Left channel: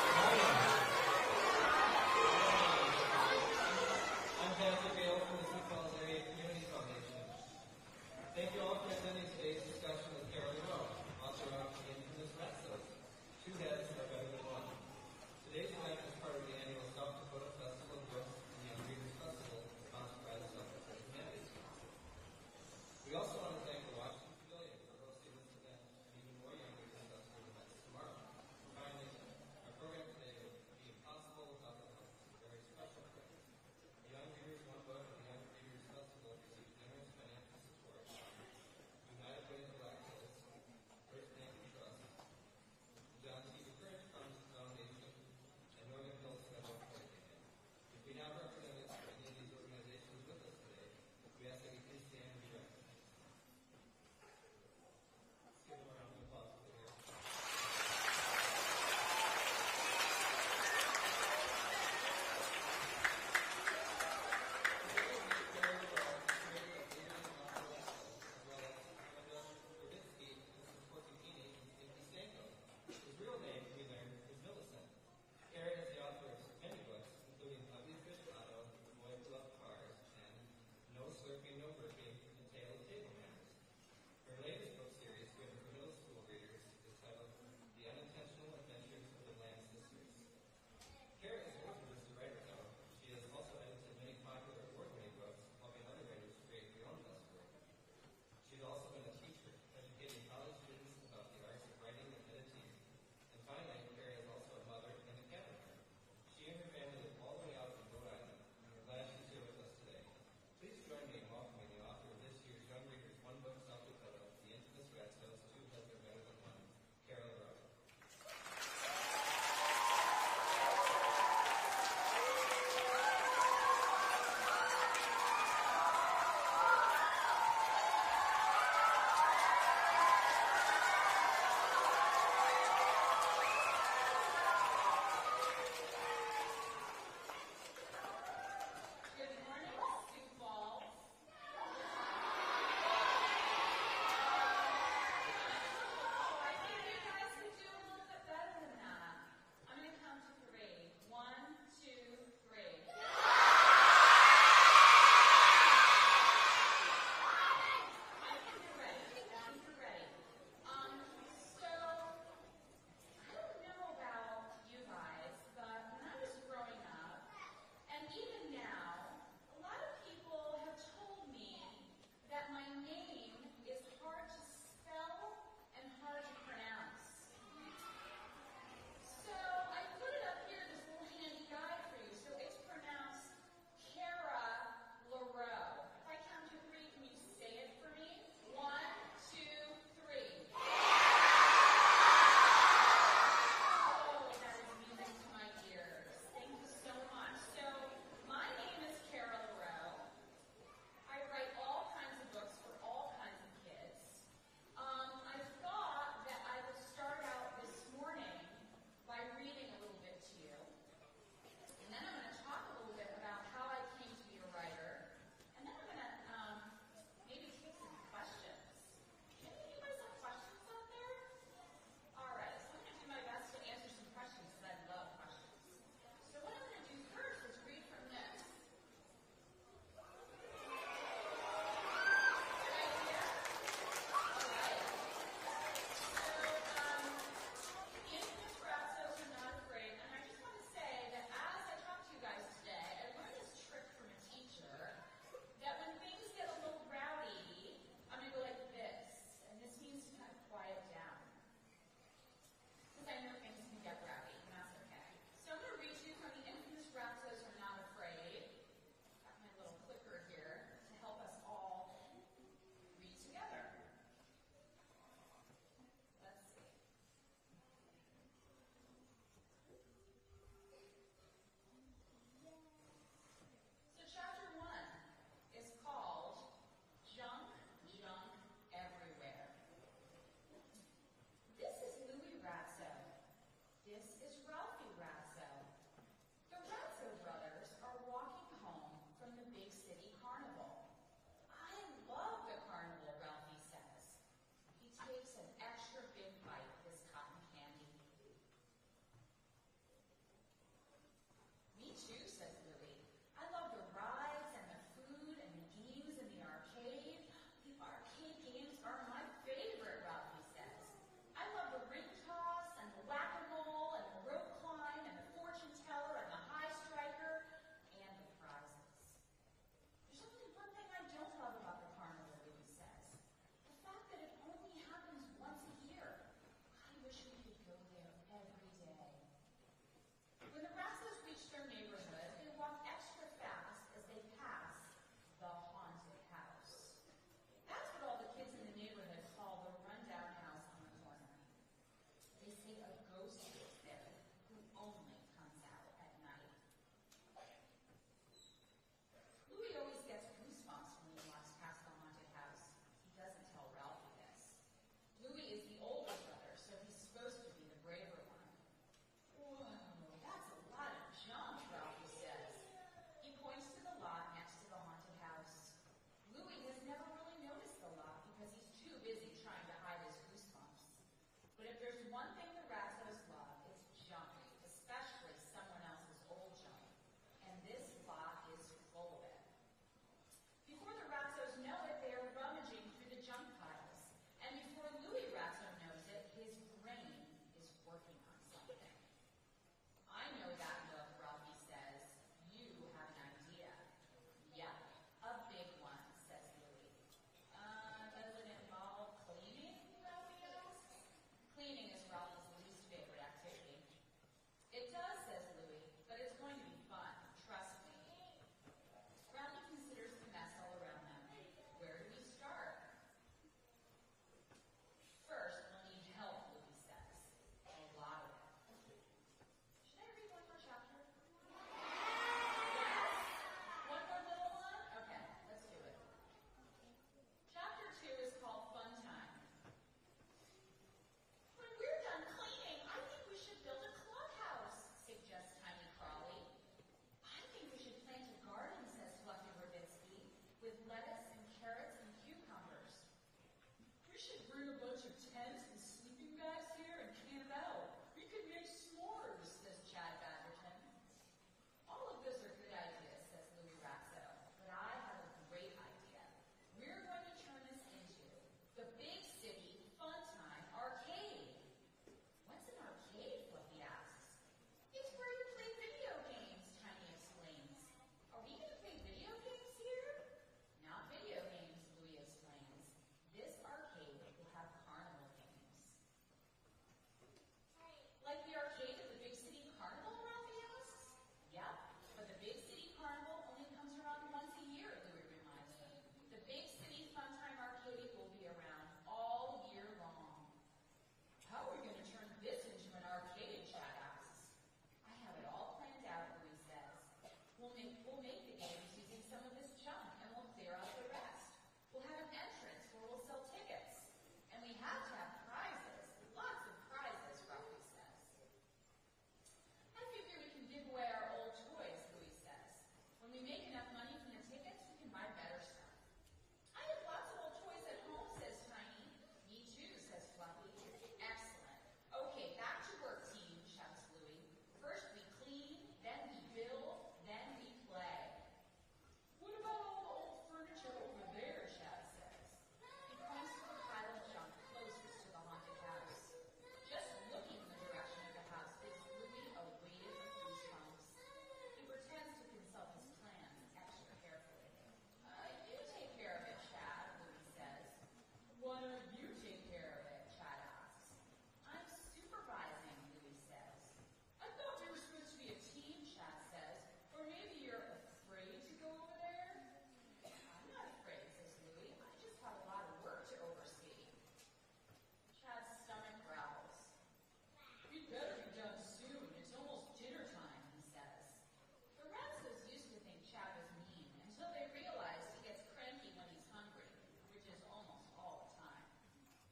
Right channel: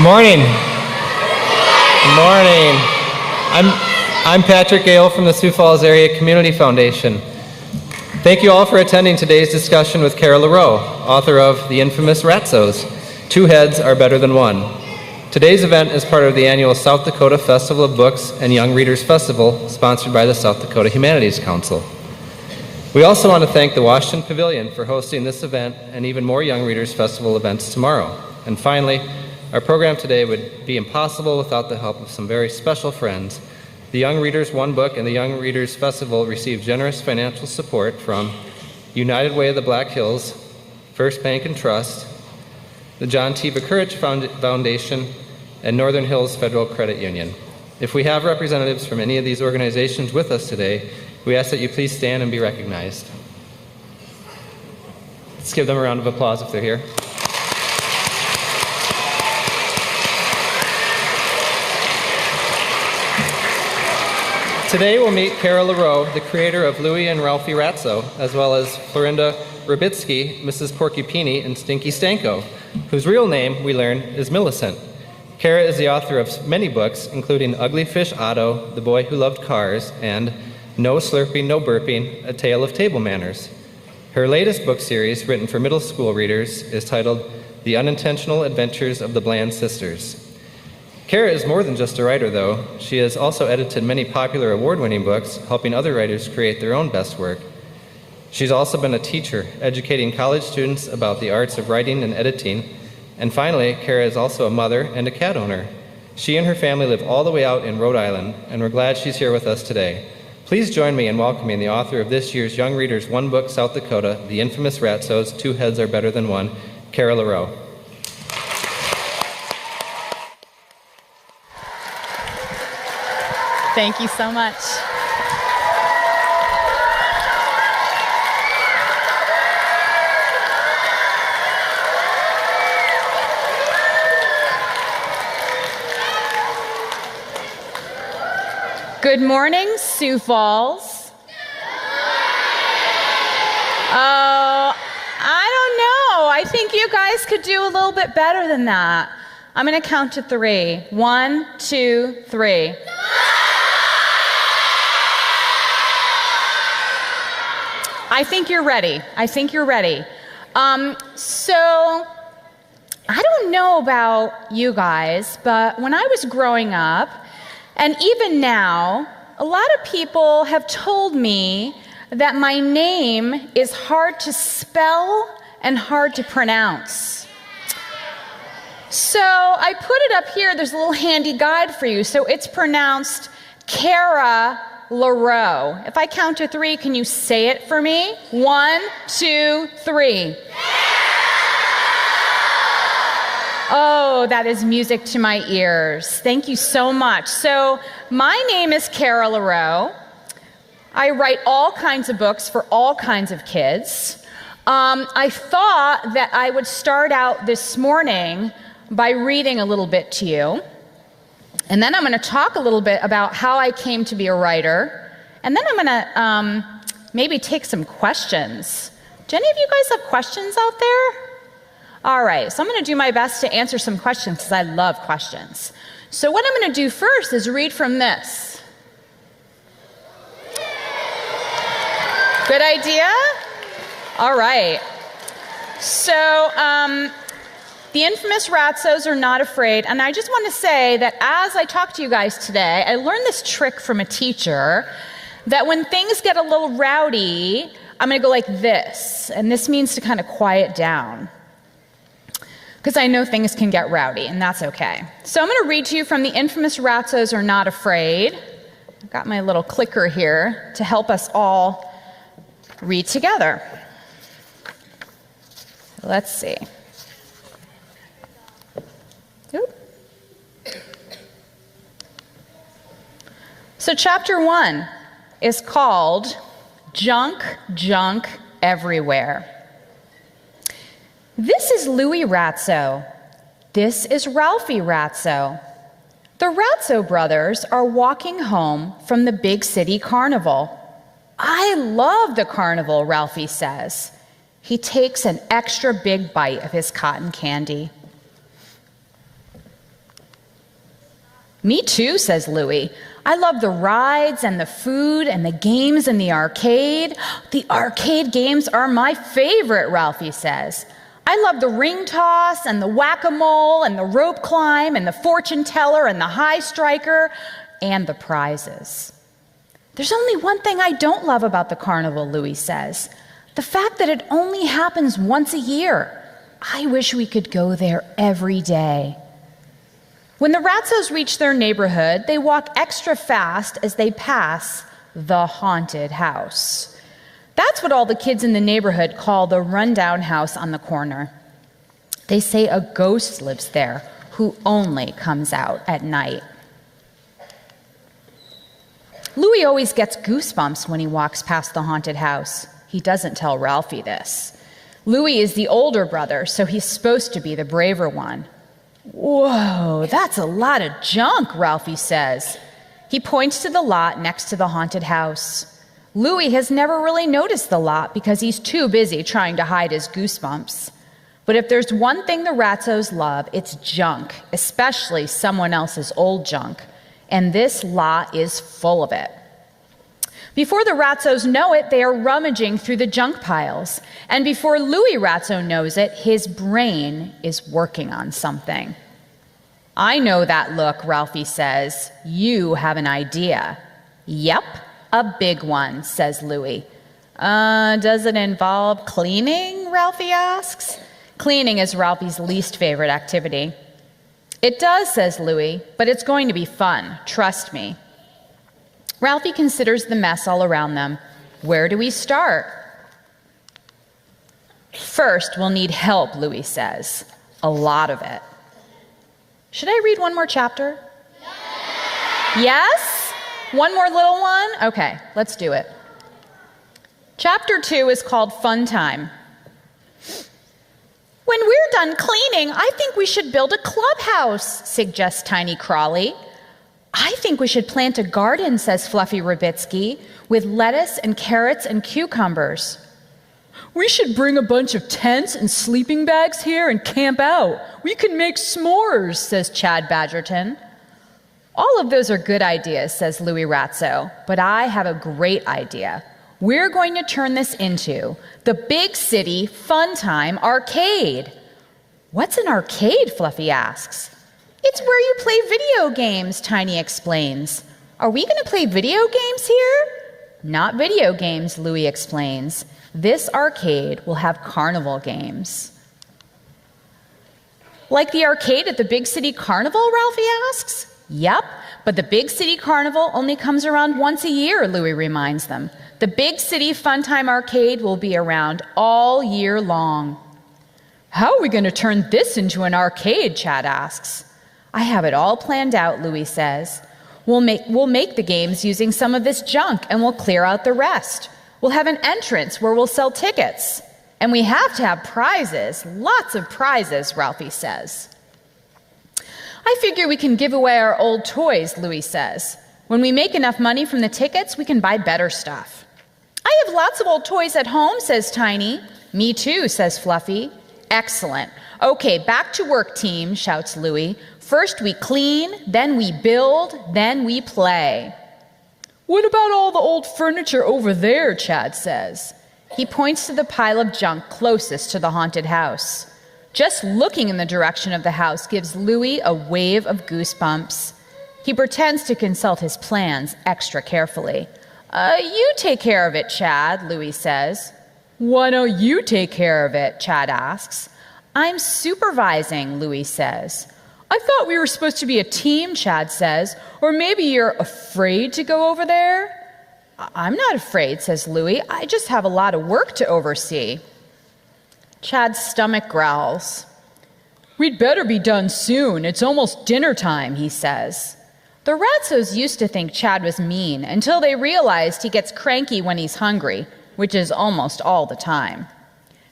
Good morning. Good morning. I'm Patrick Gale from the Sioux Falls Area Community Foundation. Thank you all for attending today's discussion with Kara LaReau, author of the infamous Ratzos, Two Heads Are Better Than One. Today's event is part of the annual South Dakota Festival of Books and Young Readers Festival, sponsored by the South Dakota Humanities Council. We also want to thank the Washington Pavilion for hosting this event and even more Young Readers Festival events tomorrow. And finally, our program today would be impossible without the help of some very special friends. The Young Readers One Book and the Young Readers Festival received generous financial support from United Way of the Black Hills, First Bank and Trust, the John T. Courage Foundation, and Northern Hills Federal Credit Union. If we have representatives from any of these organizations with us today, we ask that you please stand and be recognized. Let's give them a round of applause if they're here. Today we'll meet Kara LaReau, the creator of Louie and Ralphie Ratso, as well as Florinda Rubitsky, Mrs. Porcupini, and Stinky Stanko, whose real name, we learn, is Millicent. Kara is the author of many books, including Ugly Fish Otto, The Boy Who Loved Cars, and No Slurping, No Burping, A Tale of Table Manners. Her latest book series, written for middle school readers, is titled The Unintentional Adventures of the Bland Sisters. Kara is more than just a writer, though. She has also edited many popular award-winning books, helping other writers create their own best work. She's also been a teacher, educating college students about the arts of writing and editing. And finally, Kara is also a mother and a cat owner. She and her family live all the way out in Rhode Island, and we're glad she's here with us today. Please join me in welcoming the author of this year's Young Readers One Book South Dakota, the infamous Ratzos, Two Heads Are Better Than One, Kara LaReau. Thank you so much. Good morning, Sioux Falls. Oh, I don't know. I think you guys could do a little bit better than that. I'm going to count to 3. 1, 2, 3. I think you're ready. I think you're ready. So, I don't know about you guys, but when I was growing up, and even now, a lot of people have told me that my name is hard to spell and hard to pronounce. So, I put it up here. There's a little handy guide for you. So, it's pronounced Kara LaReau. If I count to 3, can you say it for me? 1, 2, 3. Oh, that is music to my ears. Thank you so much. So, my name is Kara LaReau. I write all kinds of books for all kinds of kids. I thought that I would start out this morning by reading a little bit to you. And then I'm going to talk a little bit about how I came to be a writer. And then I'm going to maybe take some questions. Do any of you guys have questions out there? All right, so I'm going to do my best to answer some questions because I love questions. So what I'm going to do first is read from this. Good idea? All right. So, the infamous Ratzos Are Not Afraid, and I just want to say that as I talk to you guys today, I learned this trick from a teacher that when things get a little rowdy, I'm going to go like this, and this means to kind of quiet down, because I know things can get rowdy, and that's okay. So I'm going to read to you from the infamous Ratzos Are Not Afraid. I've got my little clicker here to help us all read together. Let's see. So chapter 1 is called Junk, Junk Everywhere. This is Louie Ratso. This is Ralphie Ratso. The Ratso brothers are walking home from the big city carnival. I love the carnival, Ralphie says. He takes an extra big bite of his cotton candy. Me too, says Louie. I love the rides and the food and the games in the arcade. The arcade games are my favorite, Ralphie says. I love the ring toss and the whack-a-mole and the rope climb and the fortune teller and the high striker and the prizes. There's only one thing I don't love about the carnival, Louie says. The fact that it only happens once a year. I wish we could go there every day. When the Ratzos reach their neighborhood, they walk extra fast as they pass the haunted house. That's what all the kids in the neighborhood call the rundown house on the corner. They say a ghost lives there who only comes out at night. Louie always gets goosebumps when he walks past the haunted house. He doesn't tell Ralphie this. Louie is the older brother, so he's supposed to be the braver one. Whoa, that's a lot of junk, Ralphie says. He points to the lot next to the haunted house. Louie has never really noticed the lot because he's too busy trying to hide his goosebumps. But if there's one thing the Ratzos love, it's junk, especially someone else's old junk. And this lot is full of it. Before the Ratzos know it, they are rummaging through the junk piles. And before Louie Ratzo knows it, his brain is working on something. I know that look, Ralphie says. You have an idea. Yep, a big one, says Louie. Does it involve cleaning, Ralphie asks. Cleaning is Ralphie's least favorite activity. It does, says Louie, but it's going to be fun, trust me. Ralphie considers the mess all around them. Where do we start? First, we'll need help, Louie says. A lot of it. Should I read one more chapter? Yes? One more little one? Okay, let's do it. Chapter 2 is called Fun Time. When we're done cleaning, I think we should build a clubhouse, suggests Tiny Crawley. I think we should plant a garden, says Fluffy Rabitsky, with lettuce and carrots and cucumbers. We should bring a bunch of tents and sleeping bags here and camp out. We can make s'mores, says Chad Badgerton. All of those are good ideas, says Louie Ratzo, but I have a great idea. We're going to turn this into the Big City Fun Time Arcade. What's an arcade? Fluffy asks. It's where you play video games, Tiny explains. Are we going to play video games here? Not video games, Louie explains. This arcade will have carnival games. Like the arcade at the Big City Carnival, Ralphie asks. Yep, but the Big City Carnival only comes around once a year, Louie reminds them. The Big City Fun Time Arcade will be around all year long. How are we going to turn this into an arcade, Chad asks. I have it all planned out, Louie says. We'll make the games using some of this junk, and we'll clear out the rest. We'll have an entrance where we'll sell tickets. And we have to have prizes, lots of prizes, Ralphie says. I figure we can give away our old toys, Louie says. When we make enough money from the tickets, we can buy better stuff. I have lots of old toys at home, says Tiny. Me too, says Fluffy. Excellent. Okay, back to work, team, shouts Louie. First we clean, then we build, then we play. What about all the old furniture over there, Chad says. He points to the pile of junk closest to the haunted house. Just looking in the direction of the house gives Louie a wave of goosebumps. He pretends to consult his plans extra carefully. You take care of it, Chad, Louie says. Why don't you take care of it, Chad asks. I'm supervising, Louie says. I thought we were supposed to be a team, Chad says. Or maybe you're afraid to go over there? I'm not afraid, says Louie. I just have a lot of work to oversee. Chad's stomach growls. We'd better be done soon. It's almost dinner time, he says. The Ratzos used to think Chad was mean until they realized he gets cranky when he's hungry, which is almost all the time.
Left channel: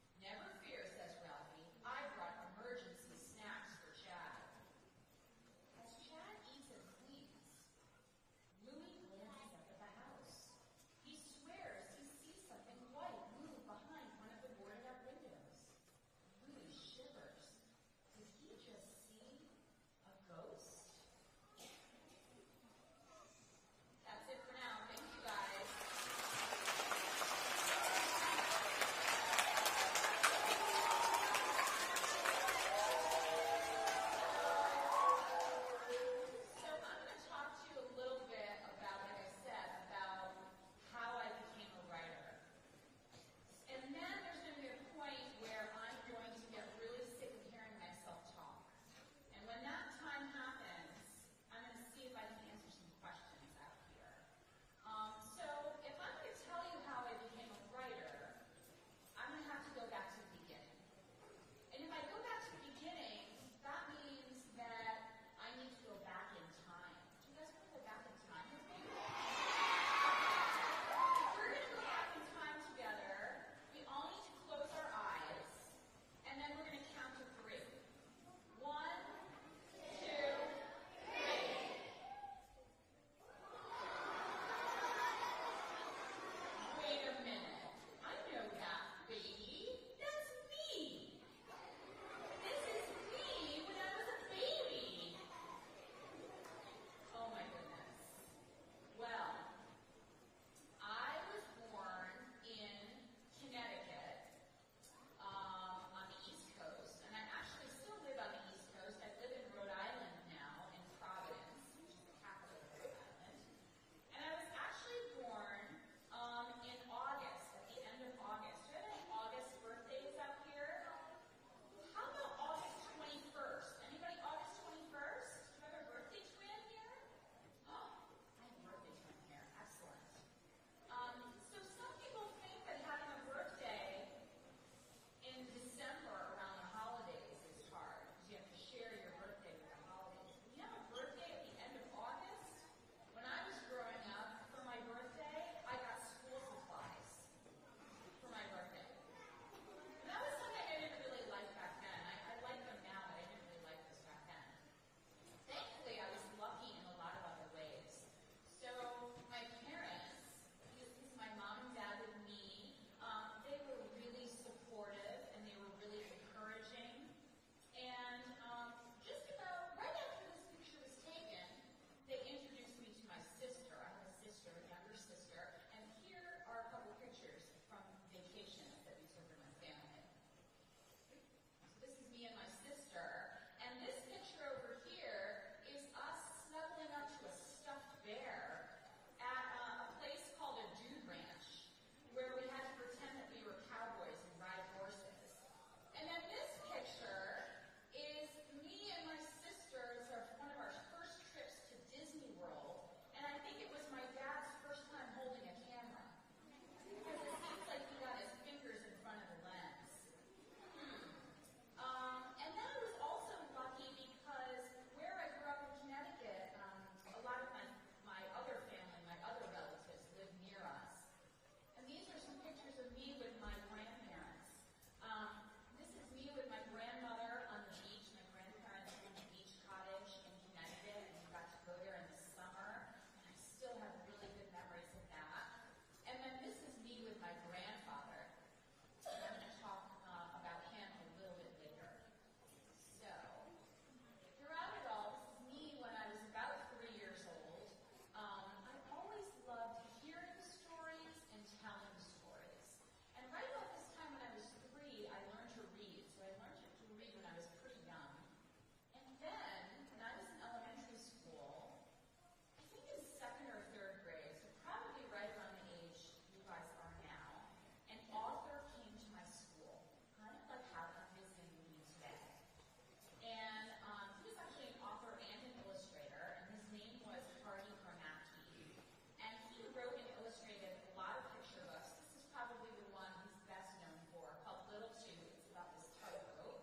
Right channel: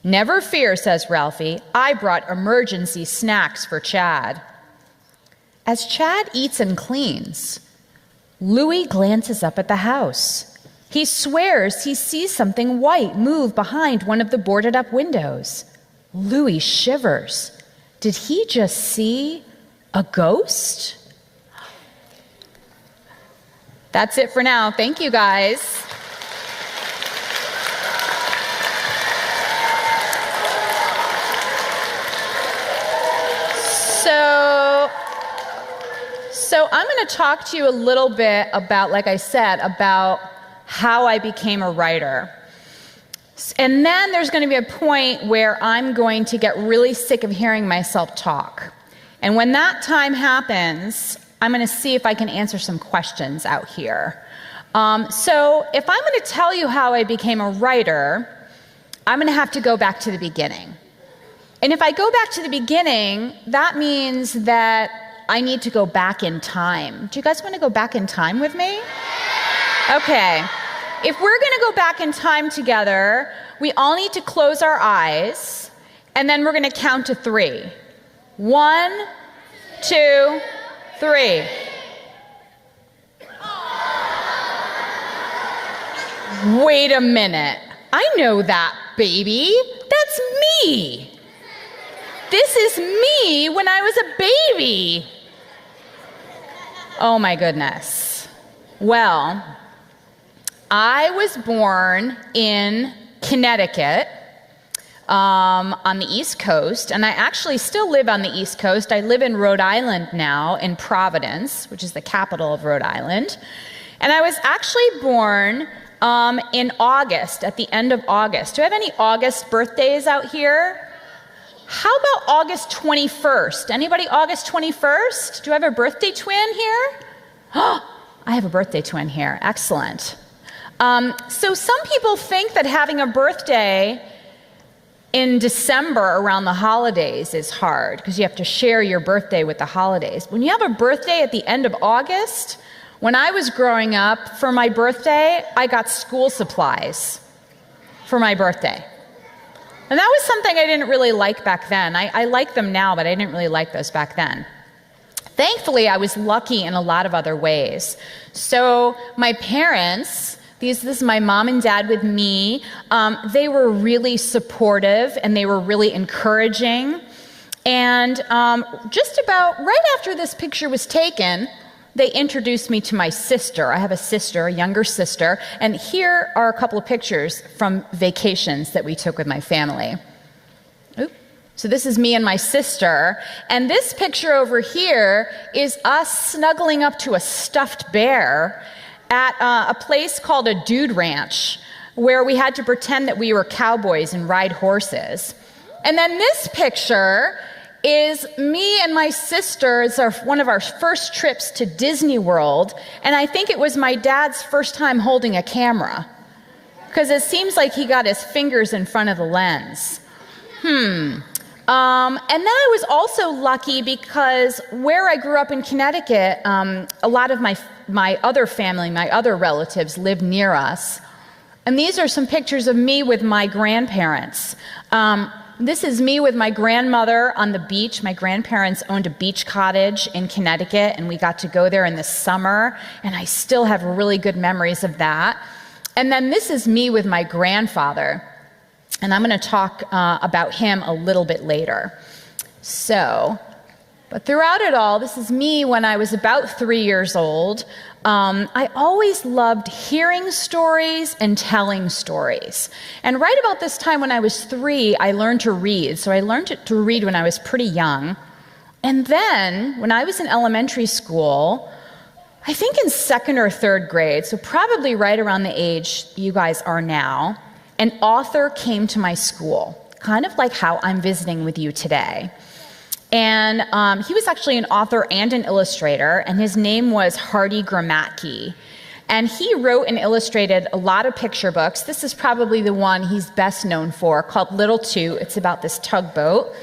Never fear, says Ralphie. I brought emergency snacks for Chad. As Chad eats and cleans, Louie glances up at the house. He swears he sees something white move behind one of the boarded-up windows. Louie shivers. Did he just see a ghost? That's it for now. Thank you, guys. So I'm going to talk to you a little bit about, like I said, about how I became a writer. And then there's going to be a point where I'm going to get really sick of hearing myself talk. And when that time happens, I'm going to see if I can answer some questions out here. So if I'm going to tell you how I became a writer, I'm going to have to go back to the beginning. And if I go back to the beginning, that means that I need to go back in time. Do you guys want to go back in time with me? Okay. If we're going to go back in time together, we all need to close our eyes, and then we're going to count to 3. 1, 2, 3. Wait a minute. I know that, baby. That's me. This is me when I was a baby. Oh my goodness. Well, I was born in Connecticut, on the East Coast, and I actually still live on the East Coast. I live in Rhode Island now, in Providence, which is the capital of Rhode Island. And I was actually born in August, at the end of August. Do I have any August birthdays out here? How about August 21st? Anybody August 21st? Do I have a birthday twin here? Oh, I have a birthday twin here. Excellent. So some people think that having a birthday in December around the holidays is hard because you have to share your birthday with the holidays. When you have a birthday at the end of August, when I was growing up, for my birthday, I got school supplies for my birthday. And that was something I didn't really like back then. I like them now, but I didn't really like those back then. Thankfully, I was lucky in a lot of other ways. So my parents, this is my mom and dad with me, they were really supportive and they were really encouraging. And just about right after this picture was taken, they introduced me to my sister. I have a sister, a younger sister, and here are a couple of pictures from vacations that we took with my family. Oop. So this is me and my sister, and this picture over here is us snuggling up to a stuffed bear at a place called a dude ranch, where we had to pretend that we were cowboys and ride horses. And then this picture is me and my sister. It's one of our first trips to Disney World, and I think it was my dad's first time holding a camera, because it seems like he got his fingers in front of the lens. And then I was also lucky because where I grew up in Connecticut, a lot of my other family, my other relatives lived near us. And these are some pictures of me with my grandparents. This is me with my grandmother on the beach. My grandparents owned a beach cottage in Connecticut, and we got to go there in the summer, and I still have really good memories of that. And then this is me with my grandfather, and I'm going to talk about him a little bit later. But throughout it all, this is me when I was about 3 years old. I always loved hearing stories and telling stories. And right about this time when I was 3, I learned to read. So I learned to read when I was pretty young. And then when I was in elementary school, I think in 2nd or 3rd grade, so probably right around the age you guys are now, an author came to my school, kind of like how I'm visiting with you today. And he was actually an author and an illustrator, and his name was Hardy Gramatke. And he wrote and illustrated a lot of picture books. This is probably the one he's best known for, called Little Toot. It's about this tugboat.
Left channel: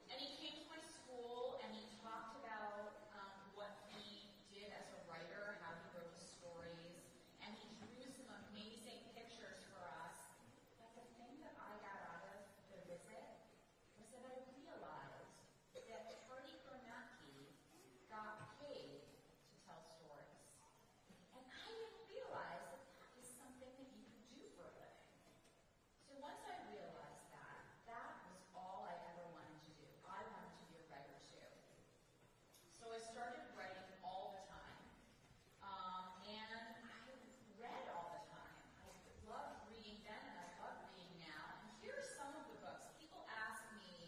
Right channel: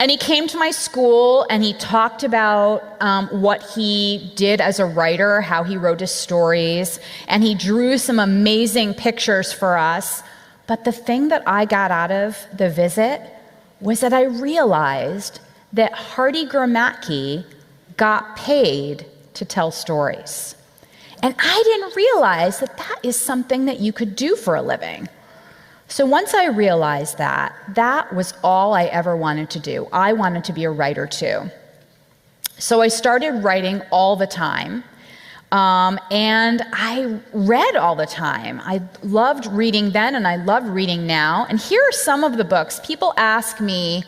And he came to my school, and he talked about what he did as a writer, how he wrote his stories, and he drew some amazing pictures for us. But the thing that I got out of the visit was that I realized that Hardy Gramatke got paid to tell stories. And I didn't realize that that is something that you could do for a living. So once I realized that, that was all I ever wanted to do. I wanted to be a writer too. So I started writing all the time. And I read all the time. I loved reading then, and I love reading now. And here are some of the books. People ask me,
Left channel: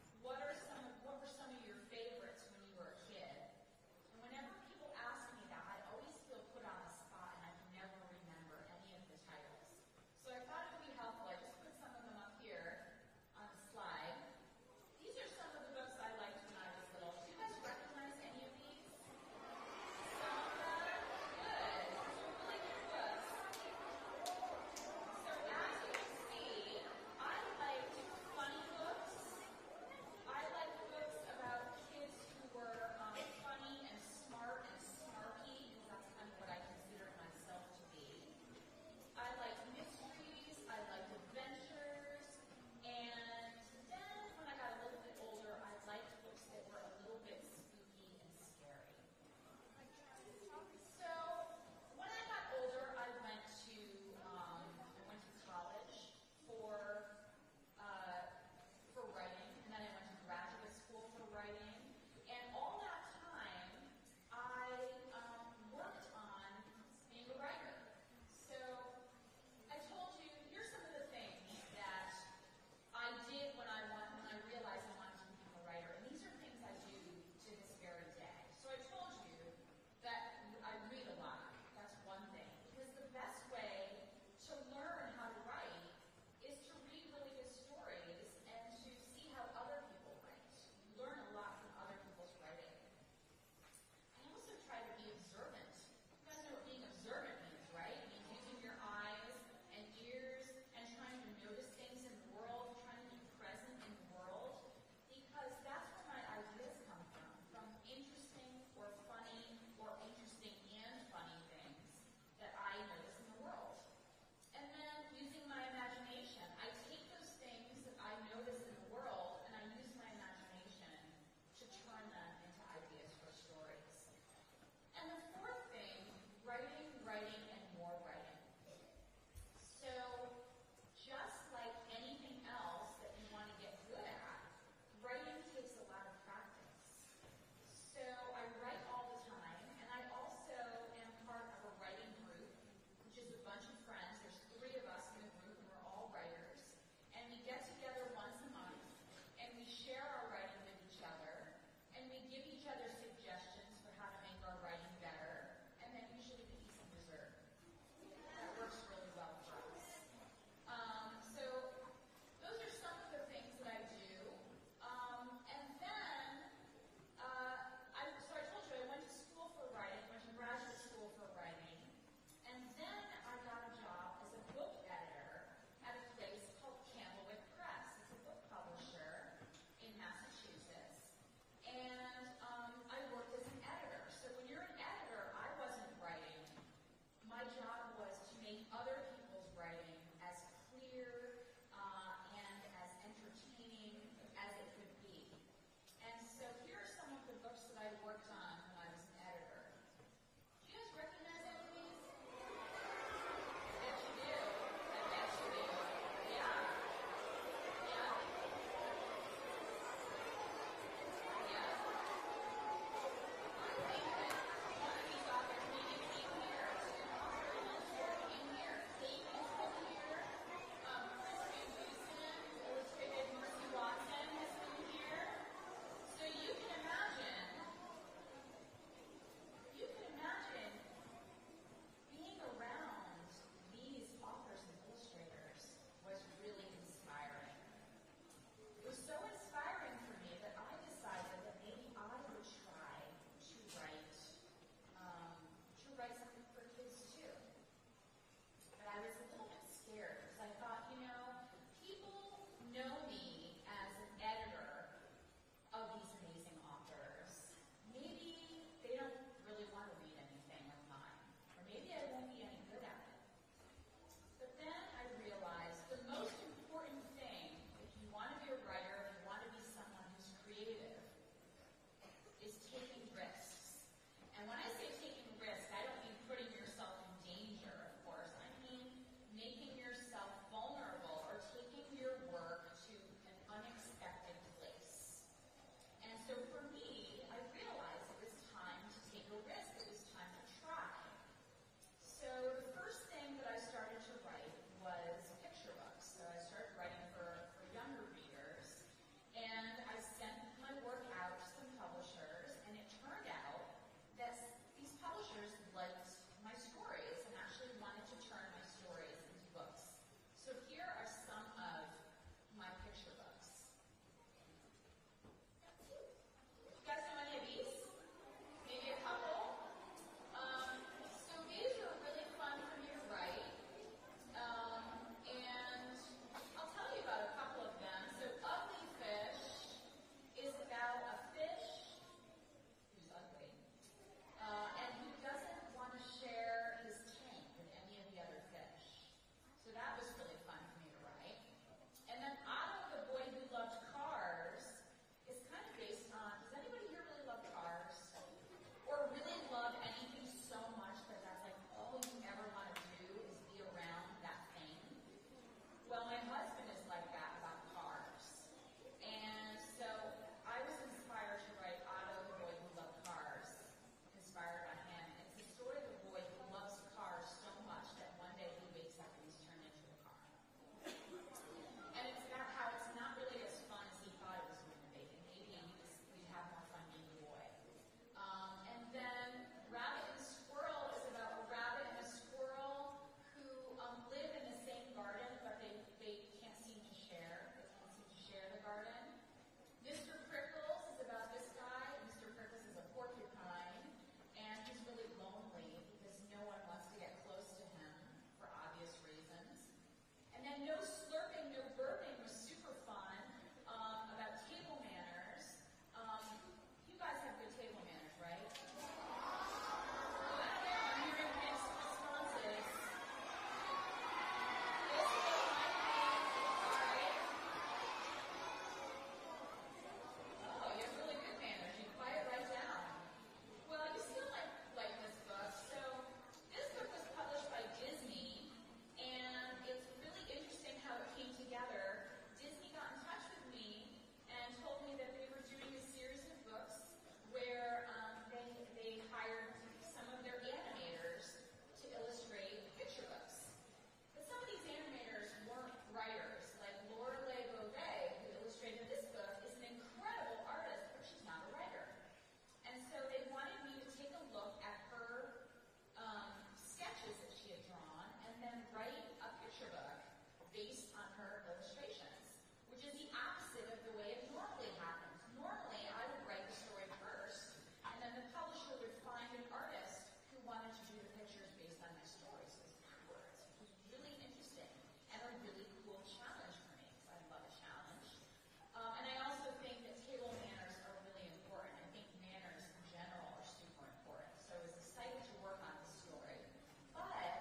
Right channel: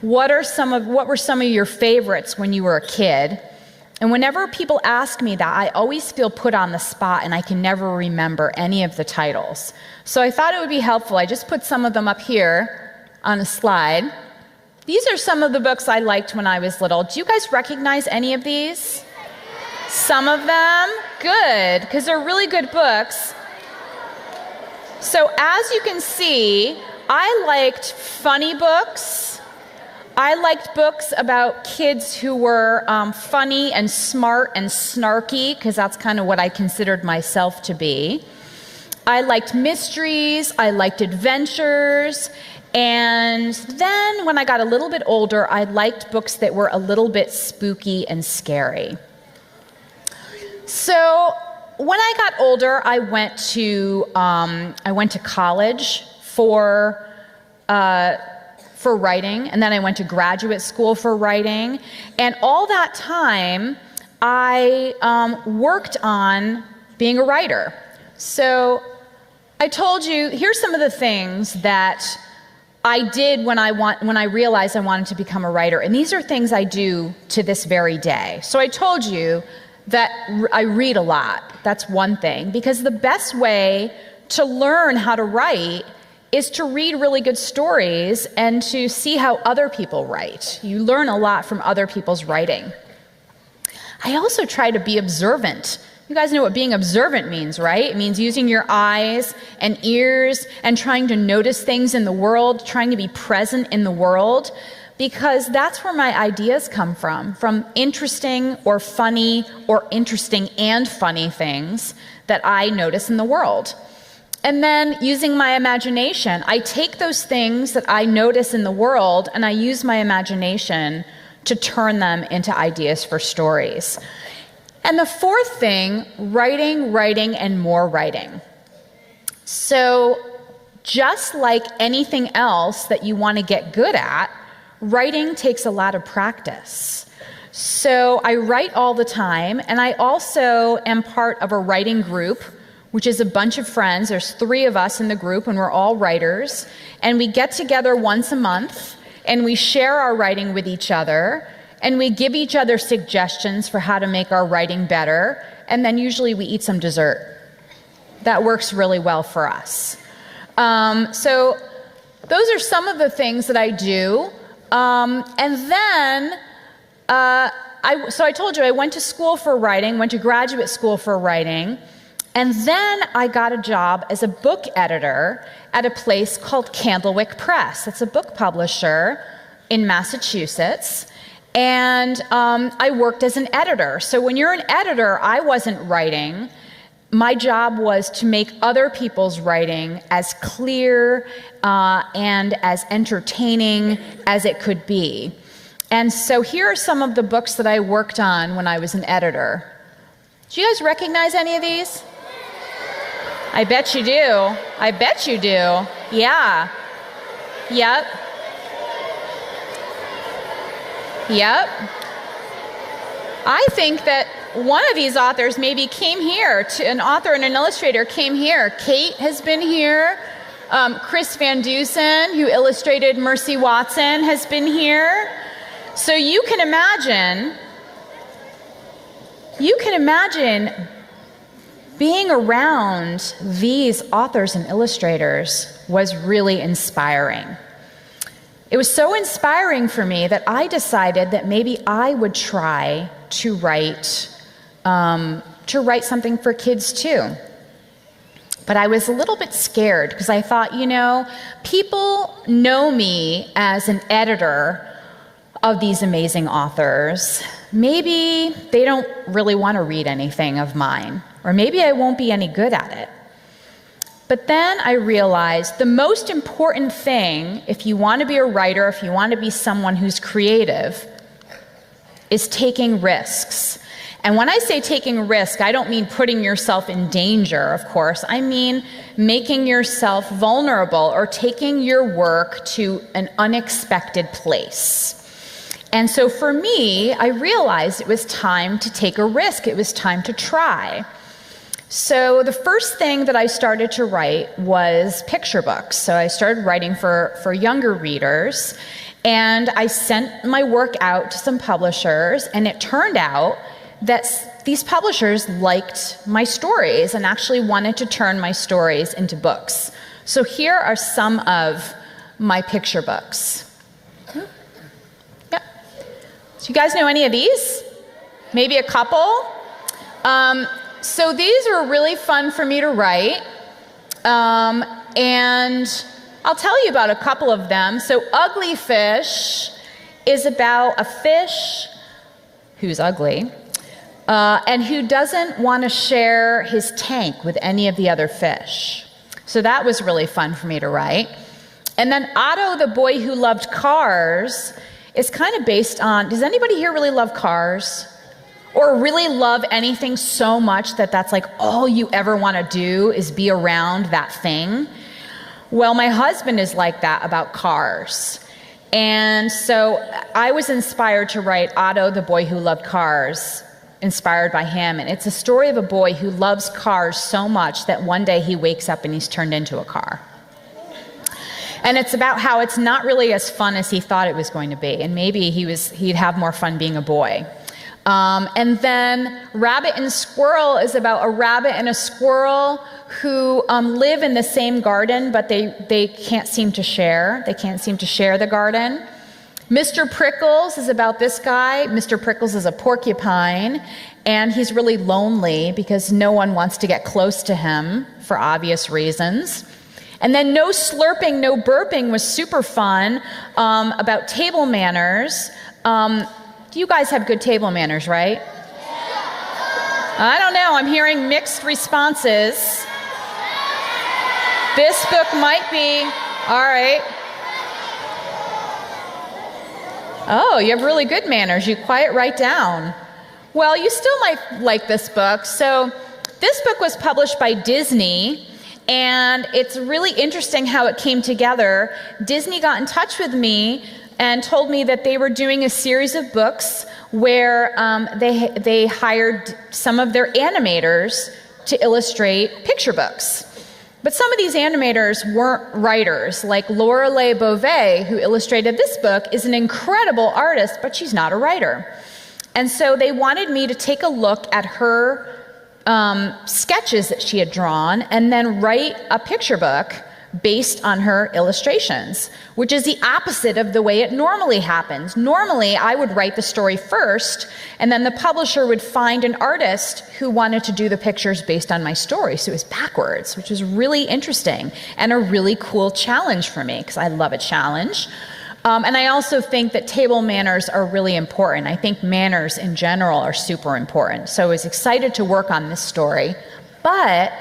what were some of your favorites when you were a kid? And whenever people ask me that, I always feel put on the spot, and I can never remember any of the titles. So I thought it would be helpful. I just put some of them up here on a slide. These are some of the books I liked when I was little. Do you guys recognize any of these? Some of them? Good, because they're really good books. So as you can see, I liked funny books. I liked books about kids who were funny and smart and snarky, because that's kind of what I considered myself to be. I liked mysteries, I liked adventures, and then when I got a little bit older, I liked books that were a little bit spooky and scary. So when I got older, I went to college for writing, and then I went to graduate school for writing, and all that time I worked on being a writer. So I told you, here's some of the things that I did when I realized I wanted to become a writer, and these are things I do to this very day. So I told you that I read a lot. That's one thing, because the best way to learn how to write is to read really good stories and to see how other people write. You learn a lot from other people's writing. I also try to be observant. You guys know what being observant means, right? It means using your eyes and ears and trying to notice things in the world, trying to be present in the world, because that's where my ideas come from interesting or funny or interesting and funny things that I notice in the world. And then using my imagination, I take those things that I notice in the world and I use my imagination to turn them into ideas for stories. And the fourth thing, writing, and more writing. So just like anything else that you want to get good at, writing takes a lot of practice. So I write all the time, and I also am part of a writing group, which is a bunch of friends. There's 3 of us in the group, and we're all writers. And we get together once a month, and we share our writing with each other, and we give each other suggestions for how to make our writing better, and then usually we eat some dessert. That works really well for us. So those are some of the things that I do. And then, so I told you I went to school for writing, went to graduate school for writing, and then I got a job as a book editor at a place called Candlewick Press. It's a book publisher in Massachusetts. And I worked as an editor. So when you're an editor, I wasn't writing. My job was to make other people's writing as clear and as entertaining as it could be. And so here are some of the books that I worked on when I was an editor. Do you guys recognize any of these? I bet you do. I bet you do. Yeah. Yep. Yep. I think that one of these authors maybe came here, an author and an illustrator came here. Kate has been here. Chris Van Dusen, who illustrated Mercy Watson, has been here. So you can imagine being around these authors and illustrators was really inspiring. It was so inspiring for me that I decided that maybe I would try to write something for kids too. But I was a little bit scared because I thought, people know me as an editor of these amazing authors. Maybe they don't really want to read anything of mine, or maybe I won't be any good at it. But then I realized the most important thing, if you want to be a writer, if you want to be someone who's creative, is taking risks. And when I say taking a risk, I don't mean putting yourself in danger, of course. I mean making yourself vulnerable or taking your work to an unexpected place. And so for me, I realized it was time to take a risk. It was time to try. So the first thing that I started to write was picture books. So I started writing for younger readers, and I sent my work out to some publishers, and it turned out that these publishers liked my stories and actually wanted to turn my stories into books. So here are some of my picture books. Yep. So you guys know any of these? Maybe a couple? So these were really fun for me to write, and I'll tell you about a couple of them. So Ugly Fish is about a fish who's ugly and who doesn't want to share his tank with any of the other fish. So that was really fun for me to write. And then Otto, the Boy Who Loved Cars, is kind of based on, does anybody here really love cars? Or really love anything so much that that's like all you ever want to do is be around that thing? Well, my husband is like that about cars. And so I was inspired to write Otto, the Boy Who Loved Cars, inspired by him. And it's a story of a boy who loves cars so much that one day he wakes up and he's turned into a car. And it's about how it's not really as fun as he thought it was going to be. And maybe he'd have more fun being a boy. And then Rabbit and Squirrel is about a rabbit and a squirrel who live in the same garden, but they can't seem to share. They can't seem to share the garden. Mr. Prickles is about this guy. Mr. Prickles is a porcupine, and he's really lonely because no one wants to get close to him for obvious reasons. And then No Slurping, No Burping was super fun, about table manners. Do you guys have good table manners, right? I don't know. I'm hearing mixed responses. This book might be. All right. Oh, you have really good manners. You quiet right down. Well, you still might like this book. So this book was published by Disney, and it's really interesting how it came together. Disney got in touch with me and told me that they were doing a series of books where they hired some of their animators to illustrate picture books. But some of these animators weren't writers, like Lorelei Beauvais, who illustrated this book, is an incredible artist, but she's not a writer. And so they wanted me to take a look at her sketches that she had drawn and then write a picture book based on her illustrations, which is the opposite of the way it normally happens. Normally, I would write the story first, and then the publisher would find an artist who wanted to do the pictures based on my story. So it was backwards, which was really interesting and a really cool challenge for me, because I love a challenge. And I also think that table manners are really important. I think manners in general are super important. So I was excited to work on this story, but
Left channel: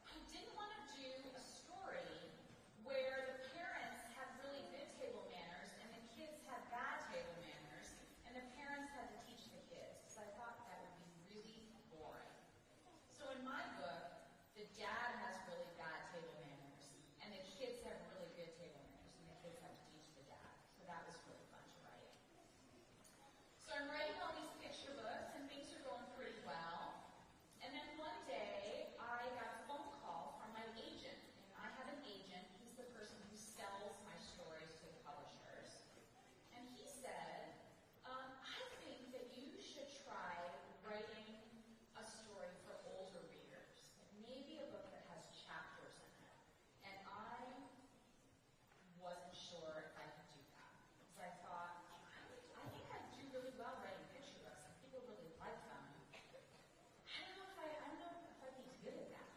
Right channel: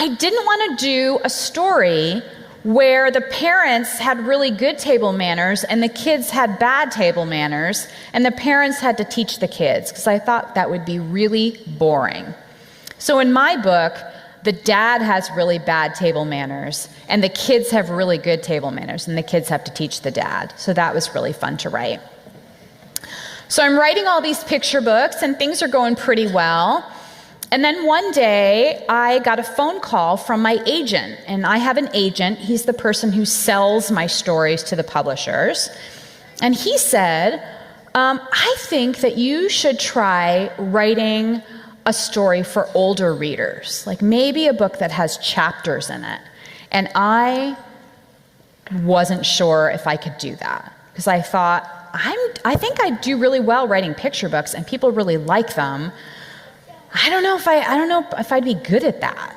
I didn't want to do a story where the parents had really good table manners and the kids had bad table manners and the parents had to teach the kids, because I thought that would be really boring. So in my book, the dad has really bad table manners and the kids have really good table manners and the kids have to teach the dad. So that was really fun to write. So I'm writing all these picture books and things are going pretty well. And then one day, I got a phone call from my agent, and I have an agent. He's the person who sells my stories to the publishers. And he said, I think that you should try writing a story for older readers, like maybe a book that has chapters in it. And I wasn't sure if I could do that, because I thought, I think I do really well writing picture books, and people really like them. I don't know if I'd be good at that,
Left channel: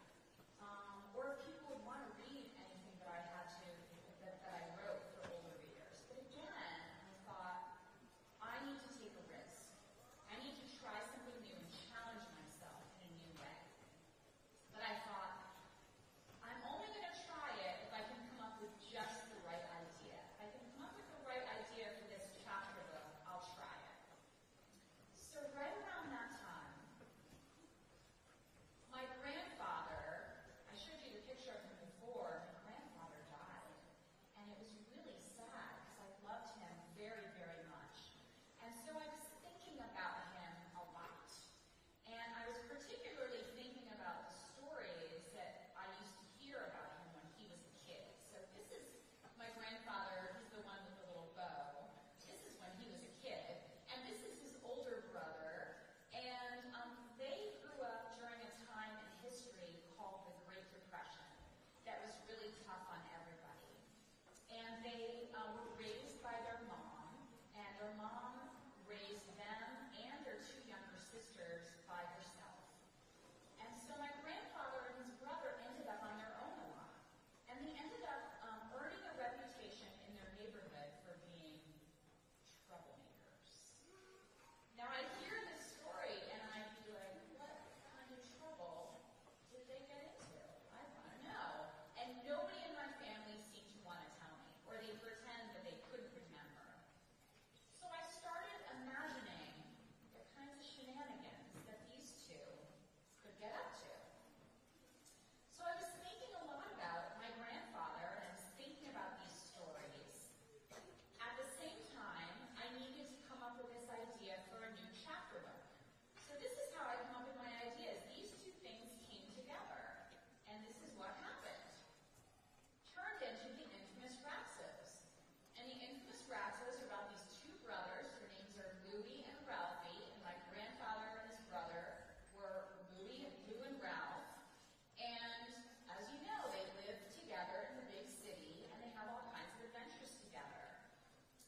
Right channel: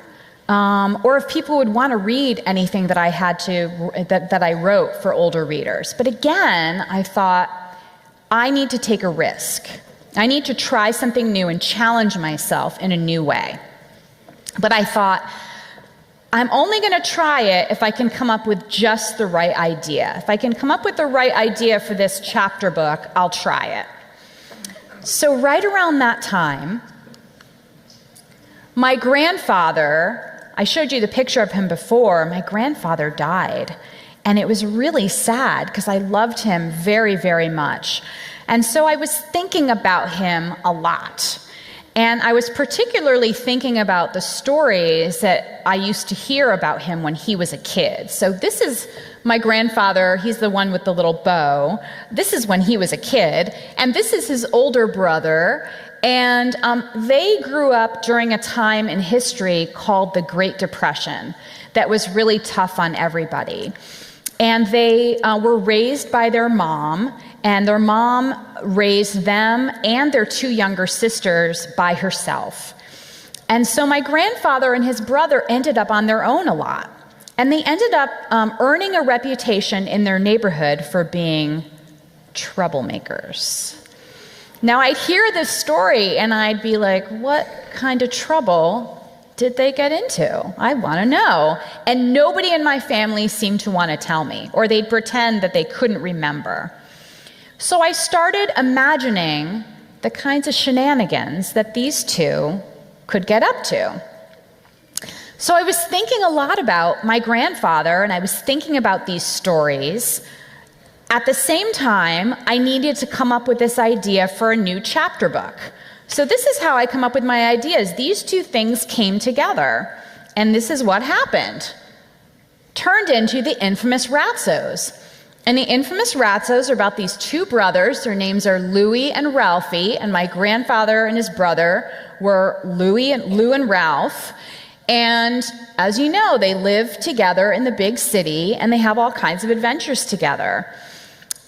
or if people would want to read anything that I wrote for older readers. But again, I thought I need to take a risk. I need to try something new and challenge myself in a new way. But I thought, I'm only going to try it if I can come up with just the right idea. If I can come up with the right idea for this chapter book, I'll try it. So right around that time, my grandfather, I showed you the picture of him before, my grandfather died. And it was really sad because I loved him very, very much. And so I was thinking about him a lot. And I was particularly thinking about the stories that I used to hear about him when he was a kid. So this is my grandfather. He's the one with the little bow. This is when he was a kid. And this is his older brother. And they grew up during a time in history called the Great Depression that was really tough on everybody. And they were raised by their mom, and their mom raised them and their two younger sisters by herself. And so my grandfather and his brother ended up on their own a lot. And they ended up earning a reputation in their neighborhood for being troublemakers. Now, I'd hear this story and I'd be like, what kind of trouble did they get into? I want to know. And nobody in my family seemed to want to tell me, or they'd pretend that they couldn't remember. So I started imagining the kinds of shenanigans that these two could get up to. So I was thinking a lot about my grandfather, and I was thinking about these stories. At the same time, I needed to come up with this idea for a new chapter book. So this is how I come up with my ideas. These two things came together, and this is what happened. Turned into the infamous Ratzos. And the infamous Ratzos are about these two brothers. Their names are Louis and Ralphie, and my grandfather and his brother were Lou and Ralph. And as you know, they live together in the big city, and they have all kinds of adventures together.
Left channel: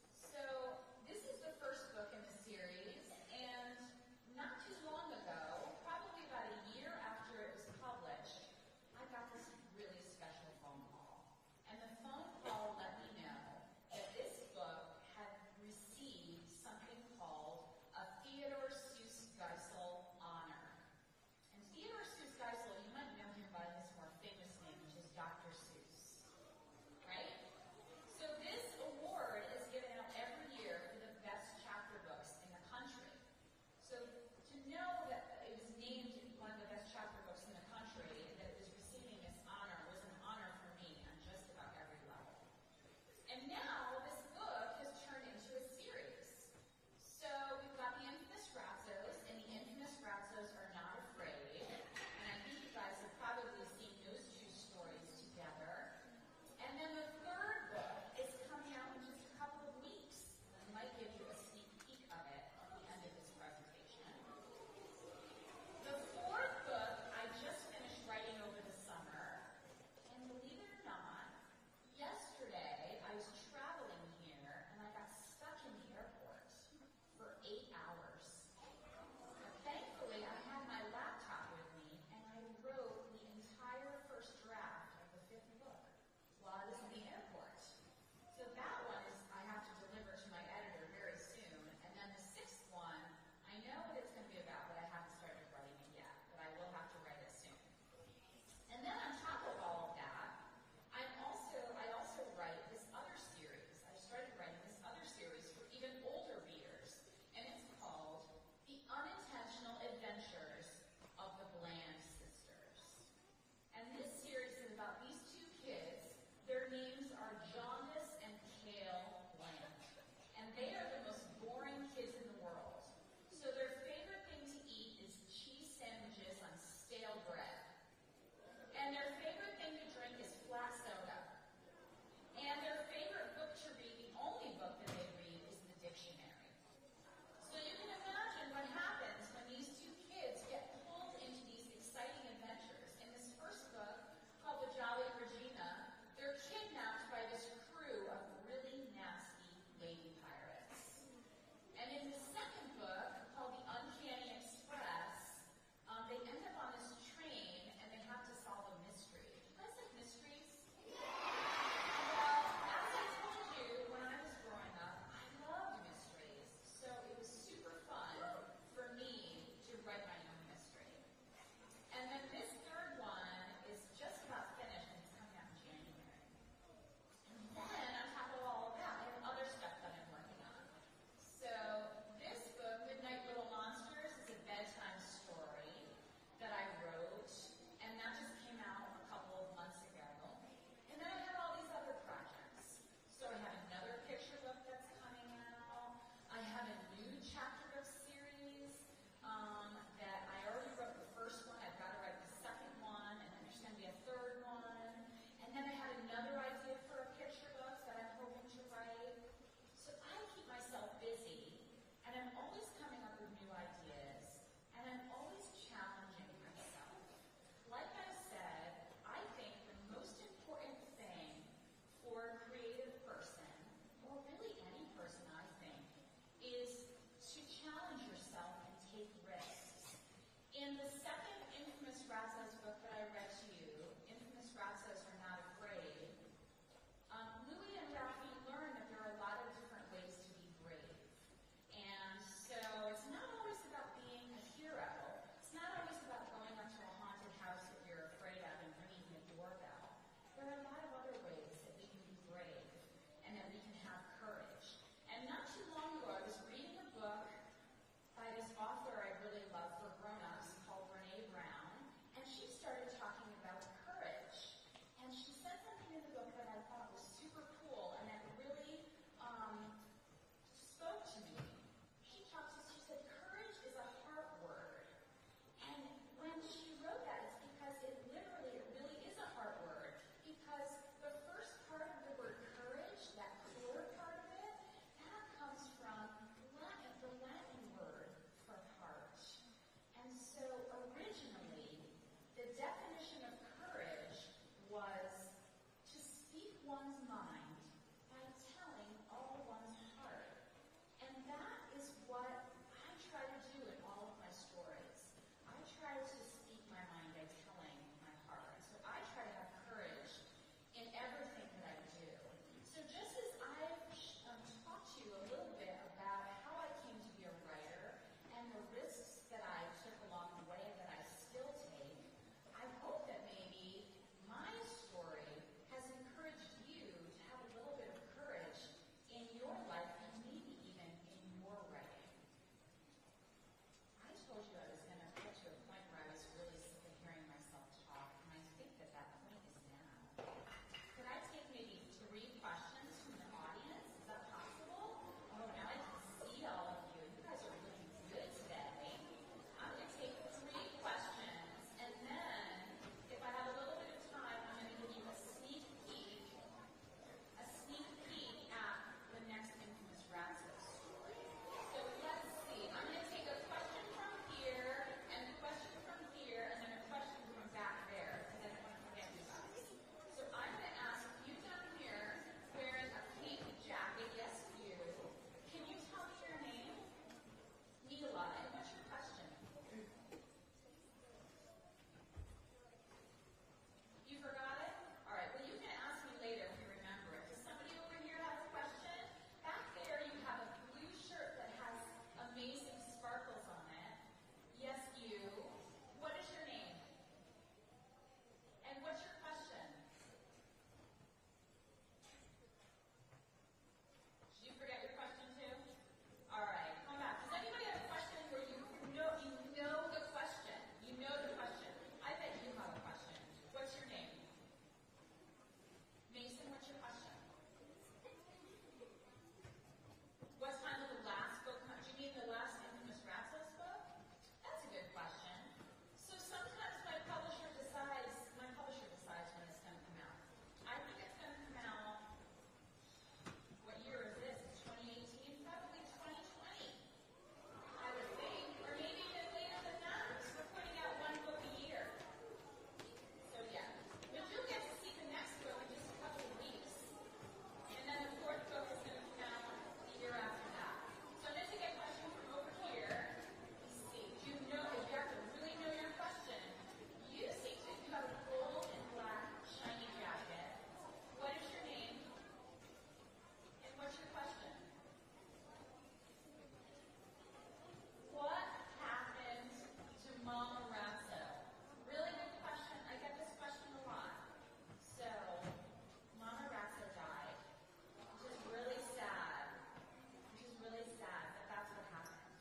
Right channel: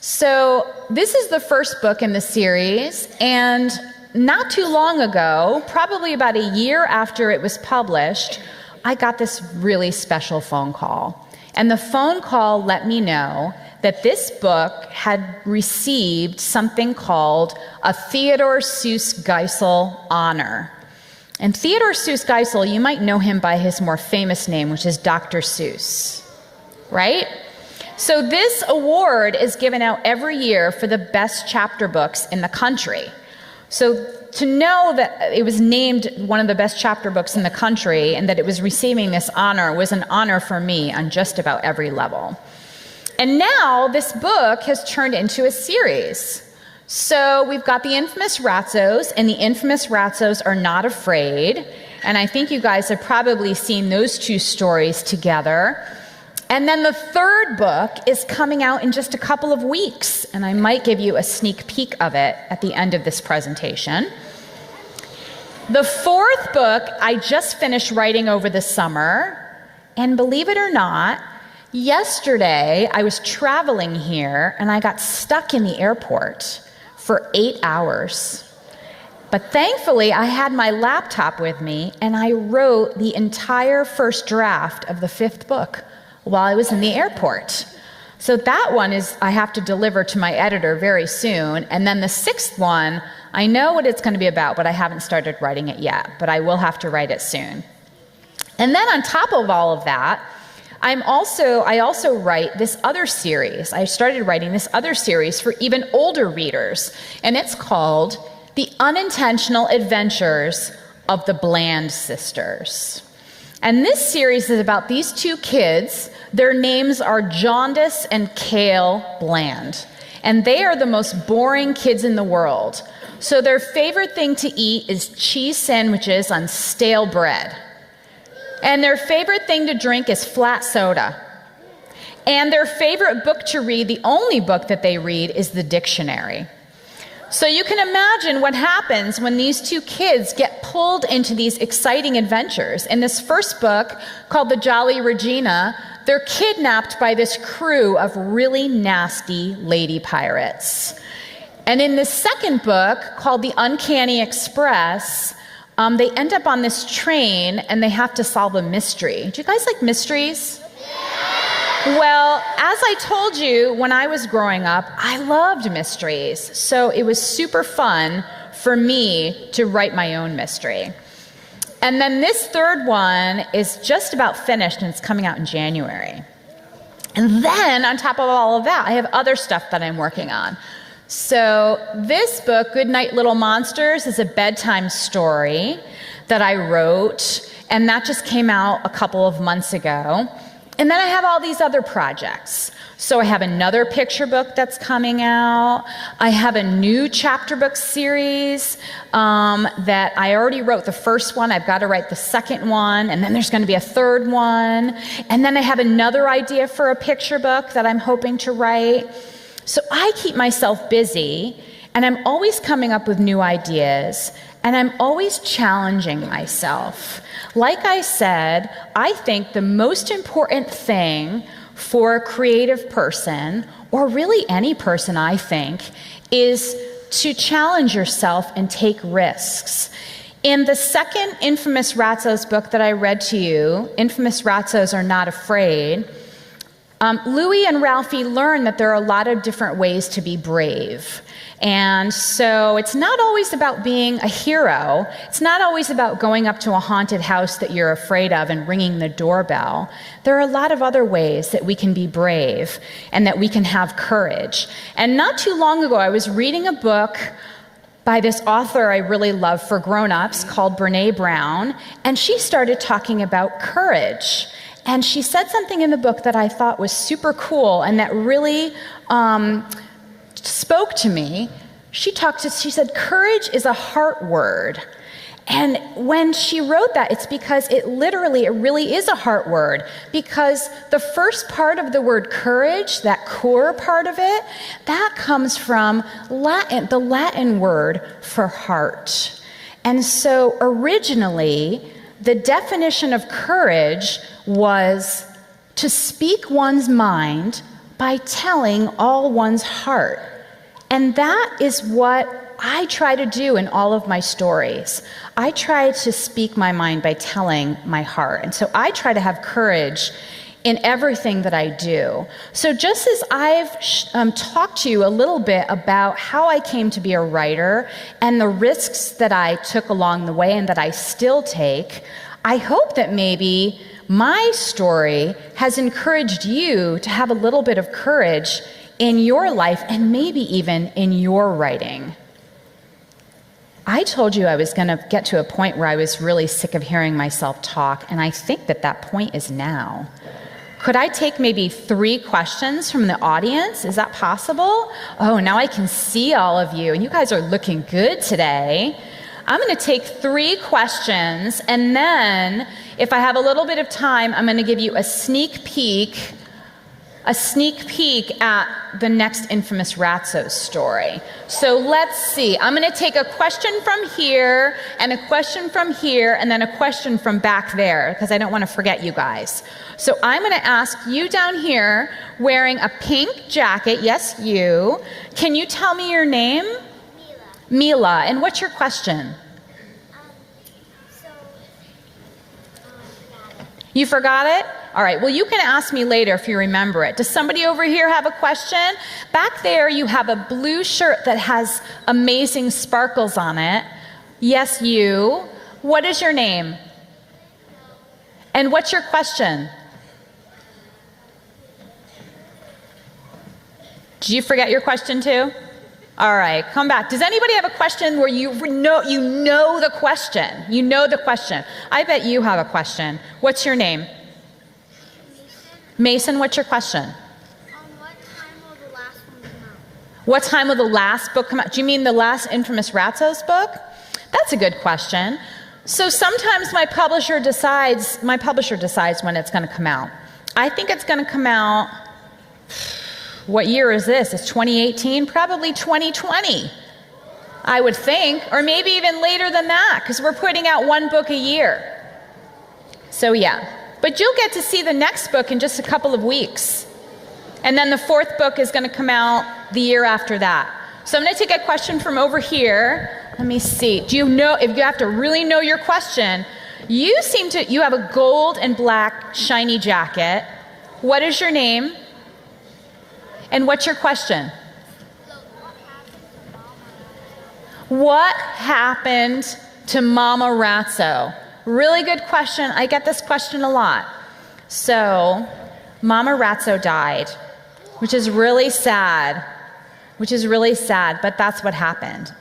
So this is the first book in the series, and not too long ago, probably about a year after it was published, I got this really special phone call. And the phone call let me know that this book had received something called a Theodore Seuss Geisel Honor. And Theodore Seuss Geisel, you might know him by his more famous name, which is Dr. Seuss, right? So this award is given out every year for the best chapter books in the country. So to know that it was named one of the best chapter books in the country and that it was receiving this honor was an honor for me on just about every level. And now this book has turned into a series. So we've got the infamous Ratzos, and the infamous Ratzos are not afraid. And I think you guys have probably seen those two stories together. And then the third book is coming out in just a couple of weeks, and I might give you a sneak peek of it at the end of this presentation. The fourth book I just finished writing over the summer, and believe it or not, yesterday I was traveling here and I got stuck in the airport for 8 hours. But thankfully I had my laptop with me, and I wrote the entire first draft of the fifth book while I was in the airport. So that one I have to deliver to my editor very soon. And then the sixth one, I know what it's going to be about, but I haven't started writing it yet, but I will have to write it soon. And then on top of all of that, I also write this other series. I started writing this other series for even older readers, and it's called The Unintentional Adventures of the Bland Sisters. And this series is about these two kids. Their names are Jaundice and Kale Bland. And they are the most boring kids in the world. So their favorite thing to eat is cheese sandwiches on stale bread. And their favorite thing to drink is flat soda. And their favorite book to read, the only book that they read, is the dictionary. So you can imagine what happens when these two kids get pulled into these exciting adventures. In this first book, called The Jolly Regina, they're kidnapped by this crew of really nasty lady pirates. And in the second book, called The Uncanny Express, they end up on this train and they have to solve a mystery. Do you guys like mysteries? Well, as I told you, when I was growing up, I loved mysteries. So it was super fun for me to write my own mystery. And then this third one is just about finished, and it's coming out in January. And then on top of all of that, I have other stuff that I'm working on. So this book, Goodnight Little Monsters, is a bedtime story that I wrote, and that just came out a couple of months ago. And then I have all these other projects. So I have another picture book that's coming out. I have a new chapter book series that I already wrote the first one. I've got to write the second one, and then there's going to be a third one. And then I have another idea for a picture book that I'm hoping to write. So I keep myself busy, and I'm always coming up with new ideas, and I'm always challenging myself. Like I said, I think the most important thing for a creative person, or really any person, I think, is to challenge yourself and take risks. In the second Infamous Ratzos book that I read to you, Infamous Ratzos Are Not Afraid, Louis and Ralphie learn that there are a lot of different ways to be brave. And so it's not always about being a hero. It's not always about going up to a haunted house that you're afraid of and ringing the doorbell. There are a lot of other ways that we can be brave and that we can have courage. And not too long ago, I was reading a book by this author I really love for grown-ups called Brené Brown, and she started talking about courage. And she said something in the book that I thought was super cool and that really spoke to me. She said, courage is a heart word. And when she wrote that, it's because it really is a heart word. Because the first part of the word courage, that core part of it, that comes from Latin, the Latin word for heart. And so originally, the definition of courage was to speak one's mind by telling all one's heart. And that is what I try to do in all of my stories. I try to speak my mind by telling my heart. And so I try to have courage in everything that I do. So just as I've talked to you a little bit about how I came to be a writer and the risks that I took along the way and that I still take, I hope that maybe my story has encouraged you to have a little bit of courage in your life and maybe even in your writing. I told you I was going to get to a point where I was really sick of hearing myself talk, and I think that that point is now. Could I take maybe 3 questions from the audience? Is that possible? Oh, now I can see all of you, and you guys are looking good today. I'm going to take 3 questions, and then if I have a little bit of time, I'm going to give you a sneak peek at the next Infamous Ratzos story. So let's see. I'm going to take a question from here, and a question from here, and then a question from back there, because I don't want to forget you guys. So I'm going to ask you down here, wearing a pink jacket, yes, you. Can you tell me your name? Mila. And what's your question? You forgot it? All right, well, you can ask me later if you remember it. Does somebody over here have a question? Back there, you have a blue shirt that has amazing sparkles on it. Yes, you. What is your name? And what's your question? Did you forget your question too? All right, come back. Does anybody have a question where you know the question? You know the question. I bet you have a question. What's your name? Mason, what's your question? What time will the last book come out? Do you mean the last Infamous Ratzos book? That's a good question. So sometimes my publisher decides when it's going to come out. I think it's going to come out, what year is this? It's 2018? Probably 2020, I would think, or maybe even later than that, because we're putting out 1 book a year. So yeah, but you'll get to see the next book in just a couple of weeks. And then the 4th book is going to come out the year after that. So I'm going to take a question from over here. Let me see. Do you know, if you have to really know your question, you have a gold and black shiny jacket. What is your name? And what's your question? What happened to Mama Ratzo? Really good question. I get this question a lot. So, Mama Ratzo died, which is really sad, but that's what happened.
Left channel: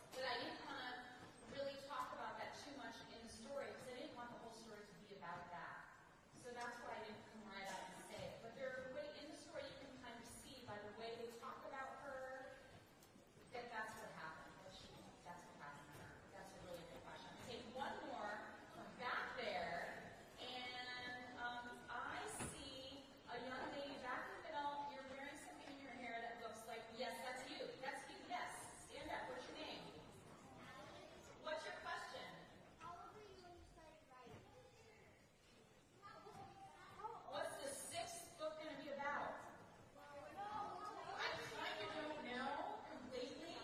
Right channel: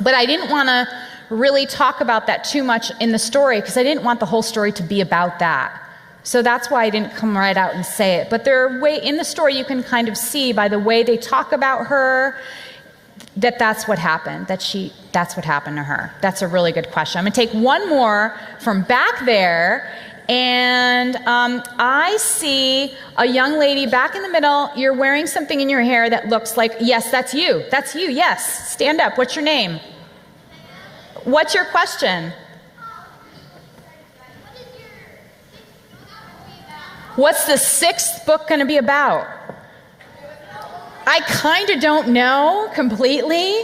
But I didn't want to really talk about that too much in the story because I didn't want the whole story to be about that. So that's why I didn't come right out and say it. But in the story, you can kind of see by the way they talk about her that's what happened, that's what happened to her. That's a really good question. I'm gonna take one more from back there, and I see a young lady back in the middle. You're wearing something in your hair that looks like, yes, that's you, yes. Stand up, what's your name? What's your question? What's the 6th book gonna be about? I kind of don't know completely,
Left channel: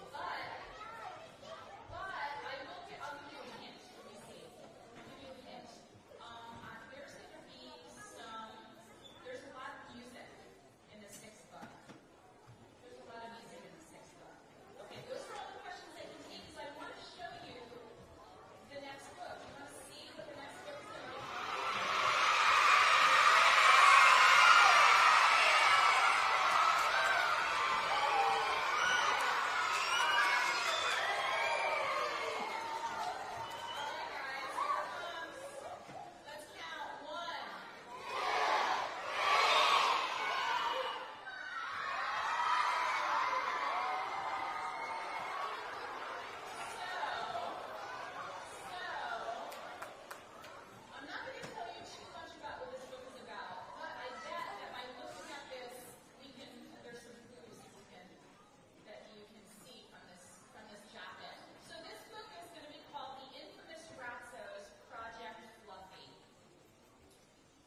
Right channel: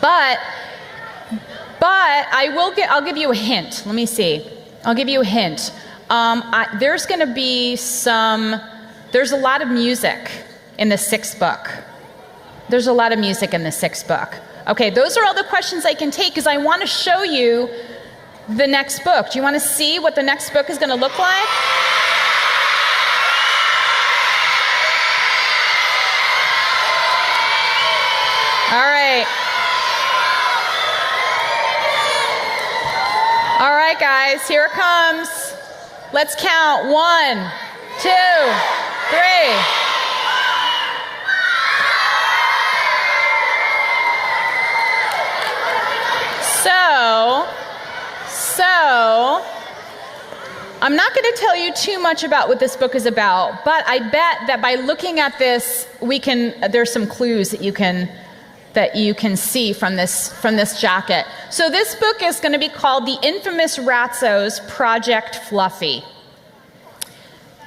but I'll give you a hint. Let me see. I'll give you a hint. There's going to be there's a lot of music in the 6th book. There's a lot of music in the 6th book. Okay, those are all the questions I can take because I want to show you the next book. Do you want to see what the next book is going to look like? All right. All right, guys, here it comes. Let's count. 1, 2, 3. So, I'm not going to tell you too much about what this book is about, but I bet that by looking at this, there's some clues that you can see from this jacket. So this book is going to be called The Infamous Ratso's Project Fluffy.